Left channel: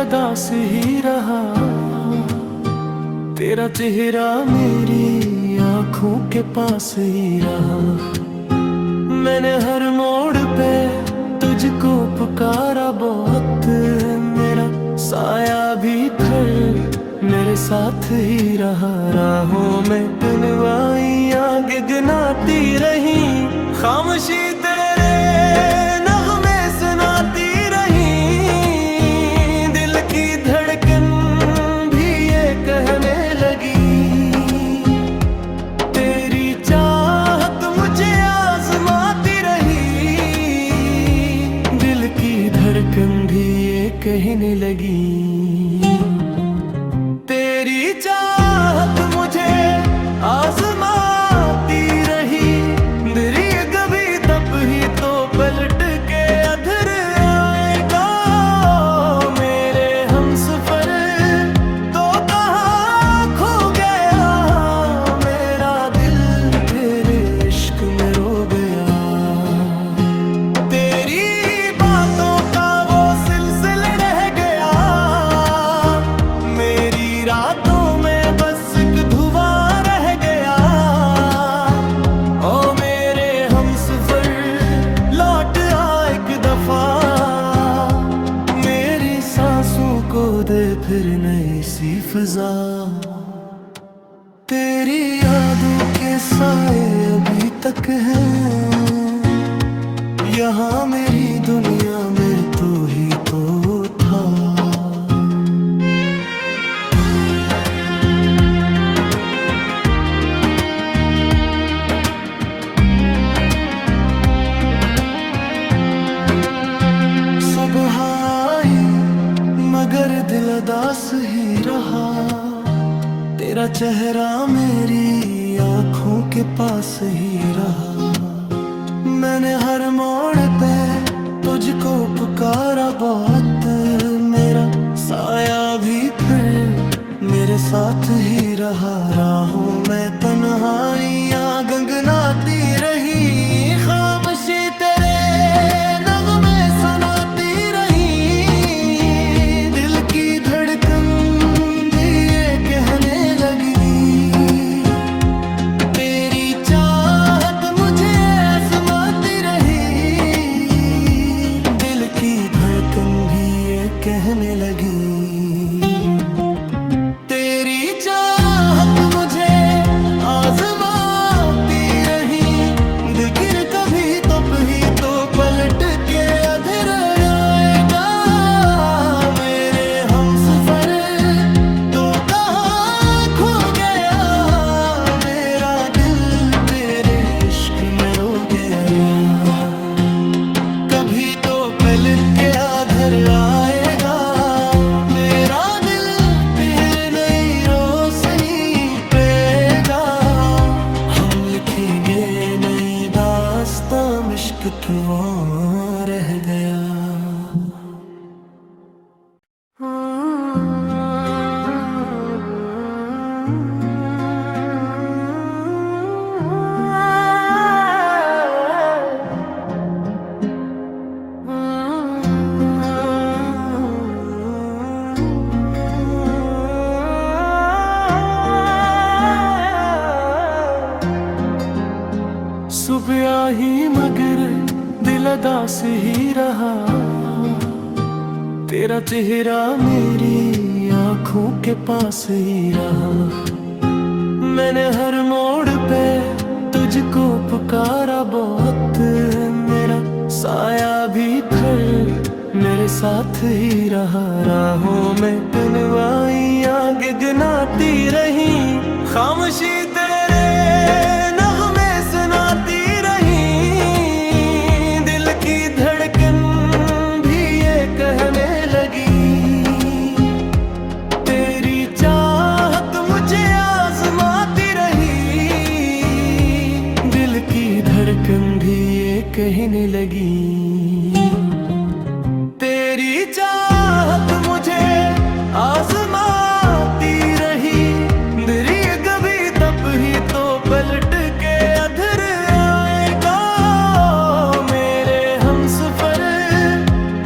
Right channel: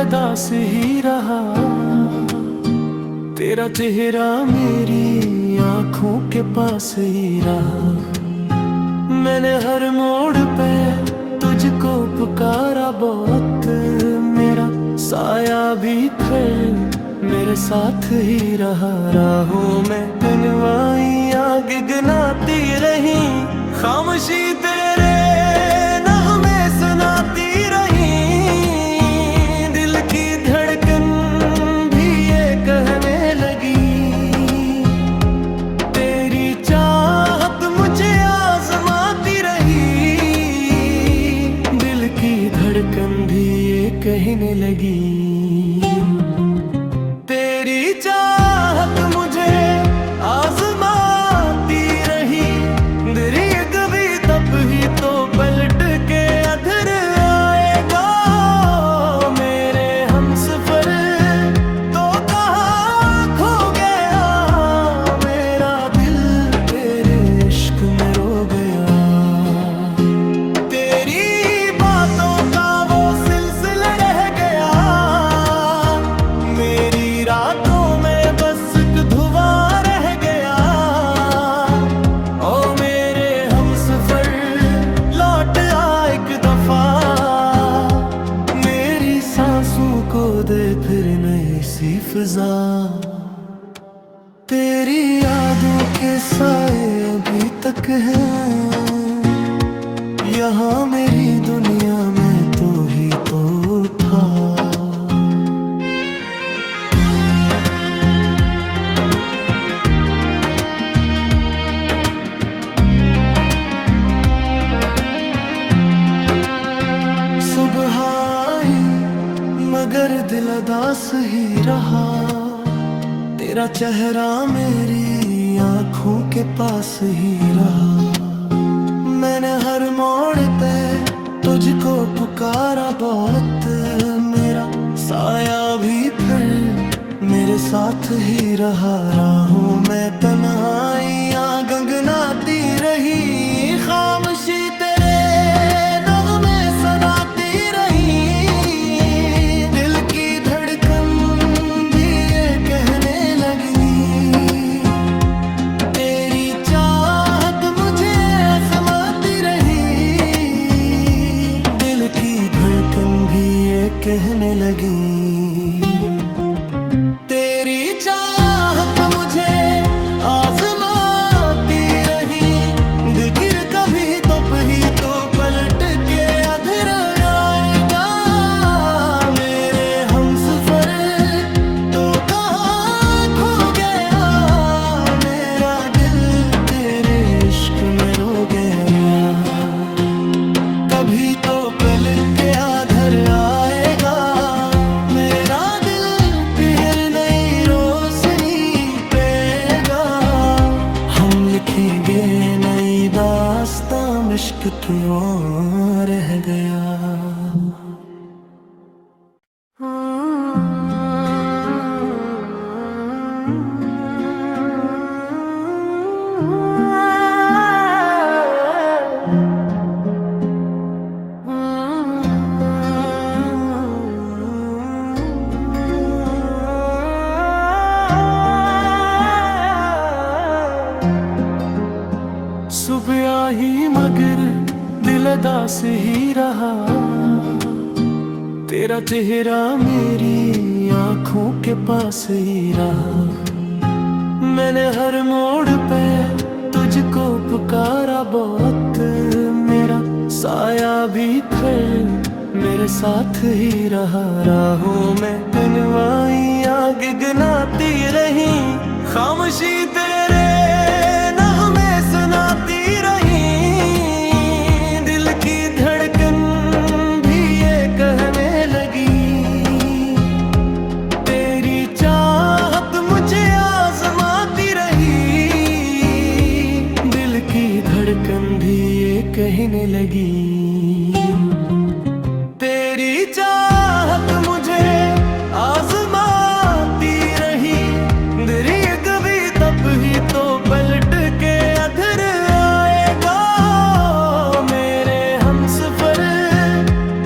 अदास ही रहा। तेरा चेहरा मेरी आंखों के पास ही रहा। मैंने हर मोड़ पे तुझको पुकारा बहुत, मेरा साया भी फिर मेरे साथ ही रहा। राहों में कनवाइयाँ गिगनाती रही, खामोशी तेरे नगमे सुनाती रही। दिल की धड़कन भी ये कहने लगी, तेरी चाहत मुझे आजमाती रही। दिल की धड़कन भी ये कहने लगी, तेरी चाहत मुझे आजमाती रही। दरिया कभी तब ही तो पलट के अधर आएगा। मेरे हमसफर तो कहाँ खो गया, मेरा दिल तेरे इश्क में रो गया। तेरी बातों का वो सिलसिला रह गया, मेरी रातों में बस एक धुआं रह गया। ओ मेरे हमसफर लौट आ एक दफा, मेरी सांसों को दे फिर नई सी फिजा। तेरी यादों के साए अभी तक हैं यहाँ मेरी दुनिया में, तो ही तो था। सुबह आई मगर दिल अदास ही रहा। तेरा चेहरा मेरी आंखों के पास ही रहा। मैंने हर मोड़ पे तुझको पुकारा बहुत, मेरा साया भी फिर मेरे साथ ही रहा। राहों में तन्हाइयाँ गंगनाती रही, खामोशी तेरे नगमे सुनाती रही। दिल की धड़कन भी ये कहने लगी, तेरी चाहत मुझे आजमाती रही। दिल की धड़कन भी ये कहने लगी, तेरी चाहत मुझे आजमाती रही। दिल गिर कभी तो पलट के अधर आएगा। मेरे हमसफर तो कहाँ खो गया, मेरा दिल तेरे इश्क में रो गया। कभी तो पलट के अधर आएगा, मेरा दिल फिर नई रोशनी पेगा। हम लिखेंगे नई दास्तां, इश्क क्यों रह गया। सुबह ही मगर दिल अदास ही रहा। तेरा चेहरा मेरी आंखों के पास ही रहा। मैंने हर मोड़ पे तुझको पुकारा बहुत, मेरा साया भी फिर मेरे साथ ही रहा। राहों में कनवाइयाँ गिगनाती रही, खामोशी तेरे नगमे सुनाती रही। दिल की धड़कन भी ये कहने लगी, तेरी चाहत मुझे आजमाती रही। दिल की धड़कन भी ये कहने लगी, तेरी चाहत मुझे आजमाती रही। दरिया कभी तब ही तो पलट के अधर आएगा। मेरे हमसफर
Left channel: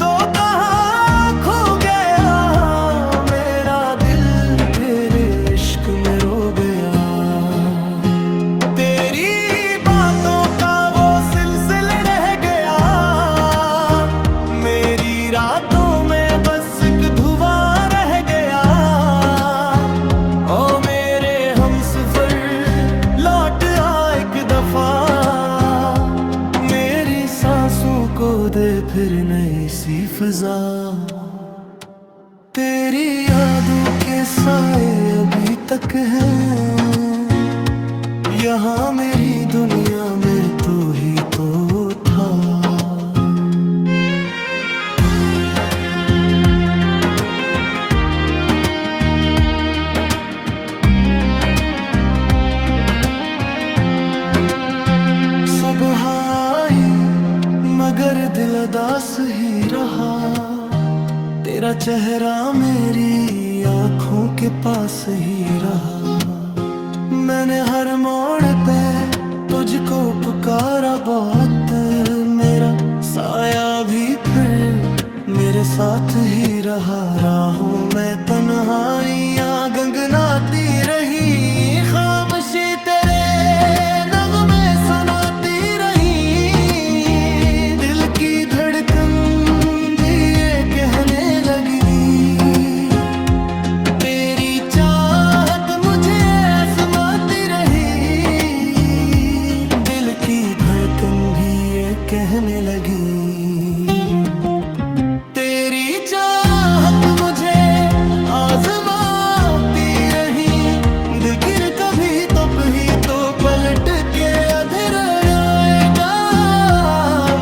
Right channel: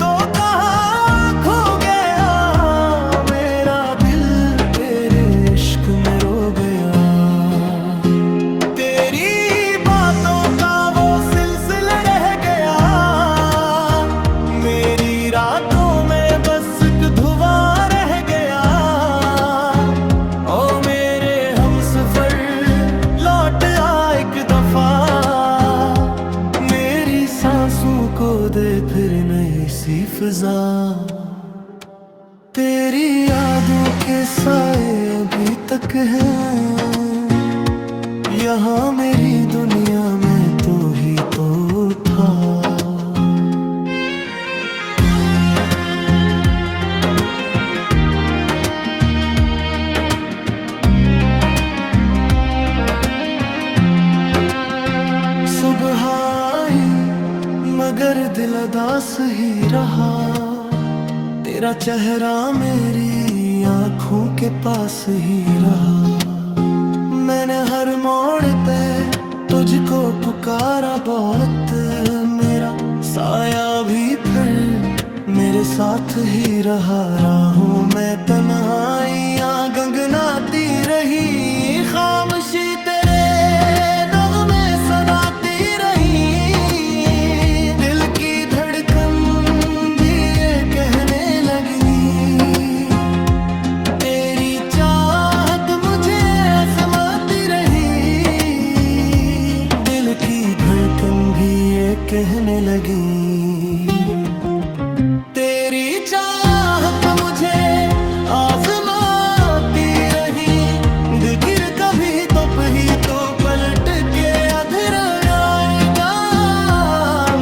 तो कहाँ खो गया, गया। तेरी बातों का वो सिलसिला रह गया, मेरी रातों में बस एक धुआं रह गया। ओ मेरे हमसफर लौट आ एक दफा, मेरी सांसों को दे फिर नई सी फिजा। तेरी यादों के साए अभी तक हैं यहाँ मेरी दुनिया में, तो ही तो था। सुबह आई मगर दिल उदास ही रहा, तेरा चेहरा मेरी आँखों के पास ही रहा। मैंने हर मोड़ पे तुझको पुकारा बहुत, मेरा साया भी फिर मेरे साथ ही रहा। राहों में तन्हाइयाँ गंगनाती रही, खामोशी तेरे नगमे सुनाती रही। दिल की धड़कन भी ये कहने लगी, तेरी चाहत मुझे आजमाती रही। दिल की धड़कन भी ये कहने लगी, तेरी चाहत मुझे आजमाती रही। दिल गिर कभी तो पलट के अधर आएगा।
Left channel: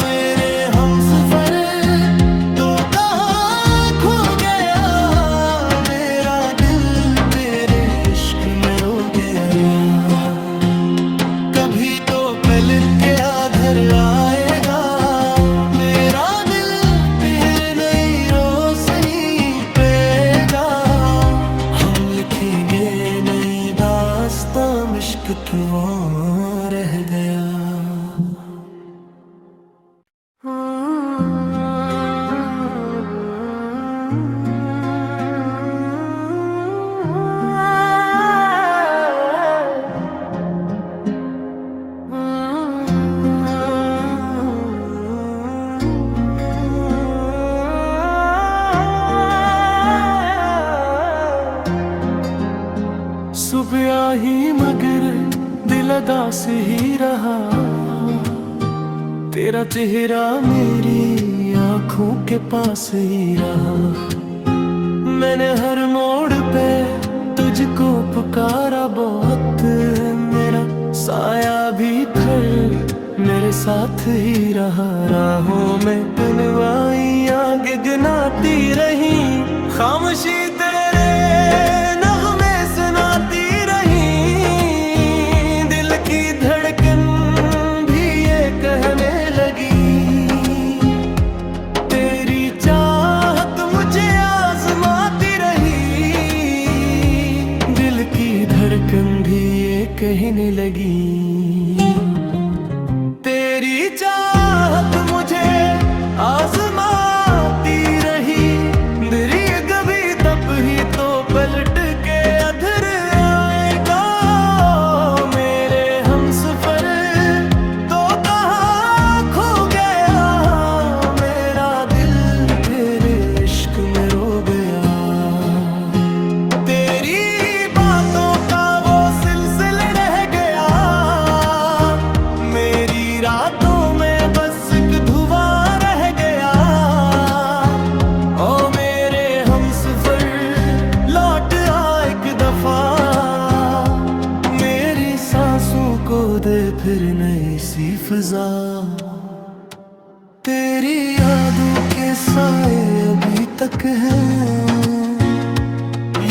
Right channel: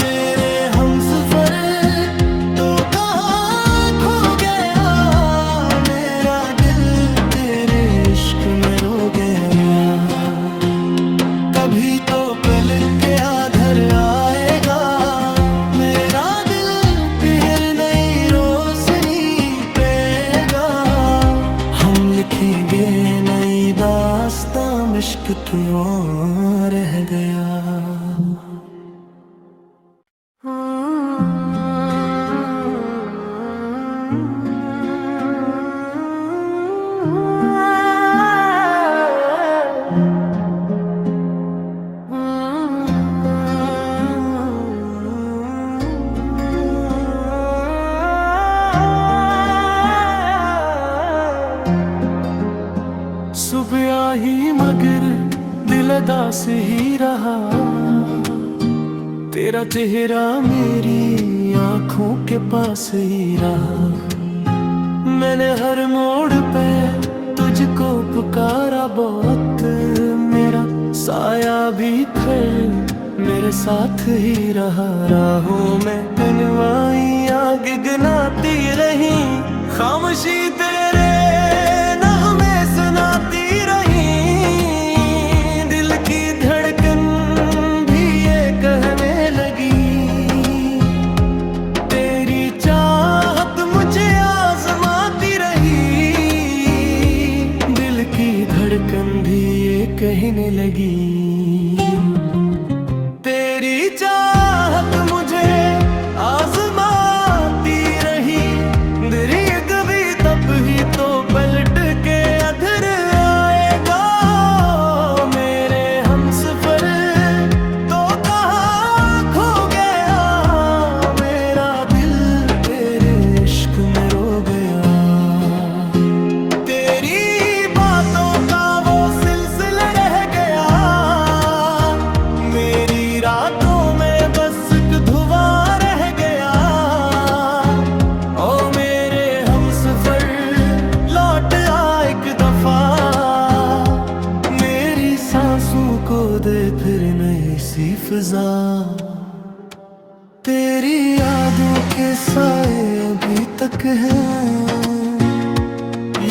मेरे हमसफर तो कहाँ खो गया, मेरा दिल तेरे इश्क में रो गया। कभी तो पलट के अधर आएगा, मेरा दिल फिर नई रोशनी पेगा। हम लिखेंगे नई दास्तां, इश्क क्यों रह गया। सुबह ही मगर दिल उदास ही रहा, तेरा चेहरा मेरी आँखों के पास ही रहा। मैंने हर मोड़ पे तुझको पुकारा बहुत, मेरा साया भी फिर मेरे साथ ही रहा। राहों में तन्हाइयाँ गगनाती रही, खामोशी तेरे नगमे सुनाती रही। दिल की धड़कन भी ये कहने लगी, तेरी चाहत मुझे आजमाती रही। दिल की धड़कन भी ये कहने लगी, तेरी चाहत मुझे आजमाती रही। दिल कभी तब ही तो पलट के अधर आएगा। मेरे हमसफर तो कहाँ खो गया, मेरा दिल तेरे इश्क में रो गया। तेरी बातों का वो सिलसिला रह गया, मेरी रातों में बस एक धुआं रह गया। ओ मेरे हमसफर लौट आ एक दफा, मेरी सांसों को दे फिर नई सी फिजा। तेरी यादों के साए अभी तक हैं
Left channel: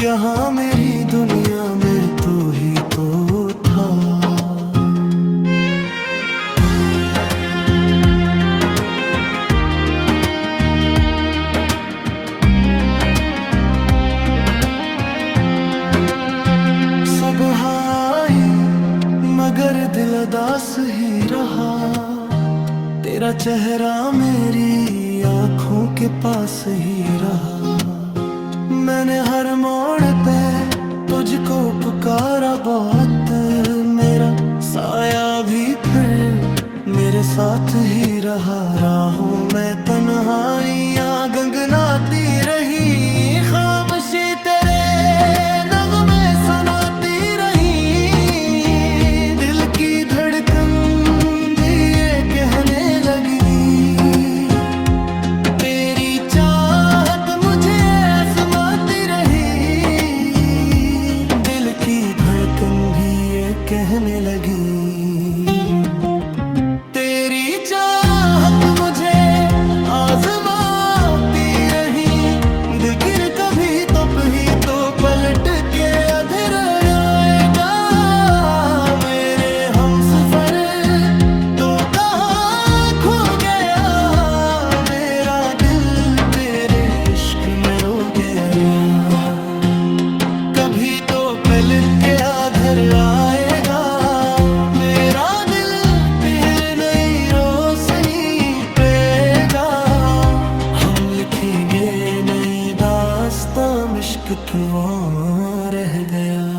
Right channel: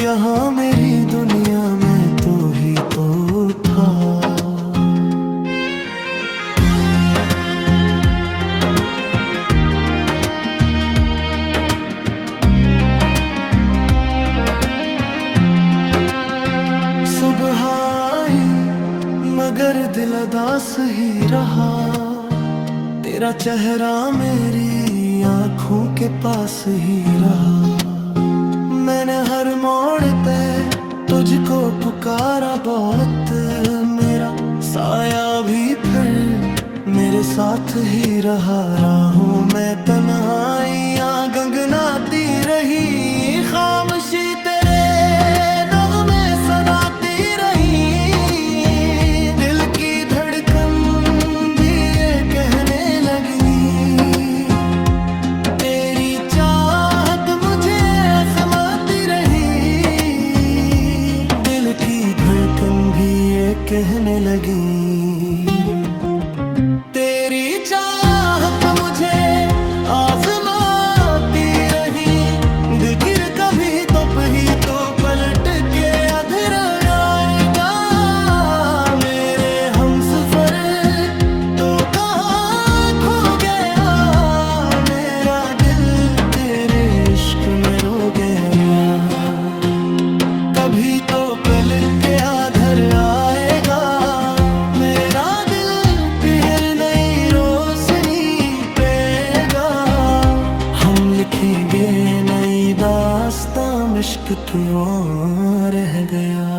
यहाँ मेरी दुनिया में, तो ही तो था। सुबह आई मगर दिल उदास ही रहा, तेरा चेहरा मेरी आँखों के पास ही रहा। मैंने हर मोड़ पे तुझको पुकारा बहुत, मेरा साया भी फिर मेरे साथ ही रहा। राहों में तन्हाइयाँ गंगनाती रही, खामोशी तेरे नगमे सुनाती रही। दिल की धड़कन भी ये कहने लगी, तेरी चाहत मुझे आजमाती रही। दिल की धड़कन भी ये कहने लगी, तेरी चाहत मुझे आजमाती रही। दिल गिर कभी ही तो पलट के अधर आएगा। मेरे हमसफर तो कहाँ खो गया, मेरा दिल तेरे इश्क में रो गया। कभी तो पलट के अधर आएगा, मेरा दिल फिर नई रोशनी पेगा। हम लिखेंगे नई दास्तां, इश्क क्यों रह गया।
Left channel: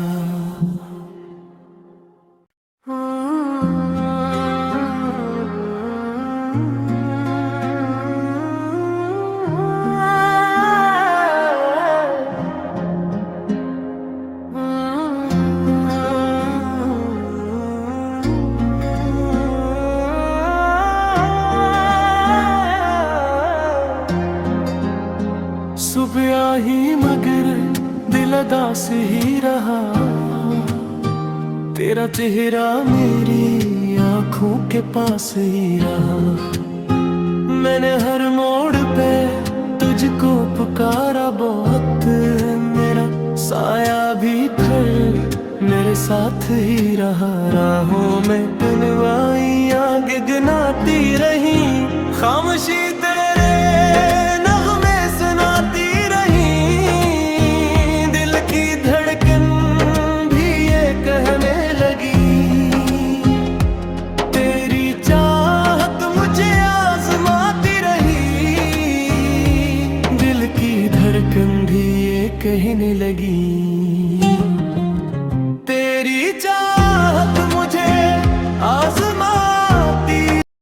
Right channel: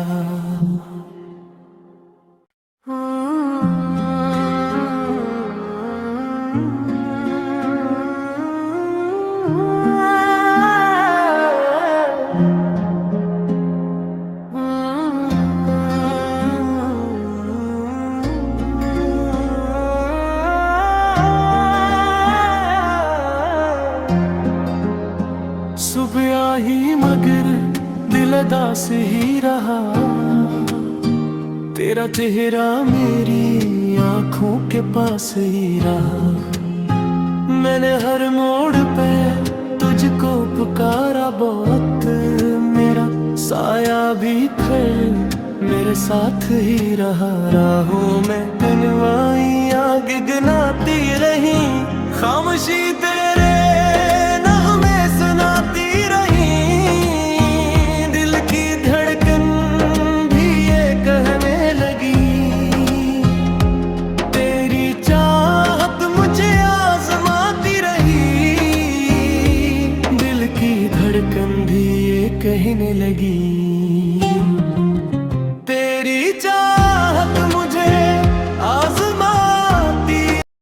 सुबह ही मगर दिल अदास ही रहा, तेरा चेहरा मेरी आंखों के पास ही रहा। मैंने हर मोड़ पे तुझको पुकारा बहुत, मेरा साया भी फिर मेरे साथ ही रहा। राहों में तन्हाइयाँ गगनाती रही, खामोशी तेरे नगमे सुनाती रही। दिल की धड़कन भी ये कहने लगी, तेरी चाहत मुझे आजमाती रही। दिल की धड़कन भी ये कहने लगी,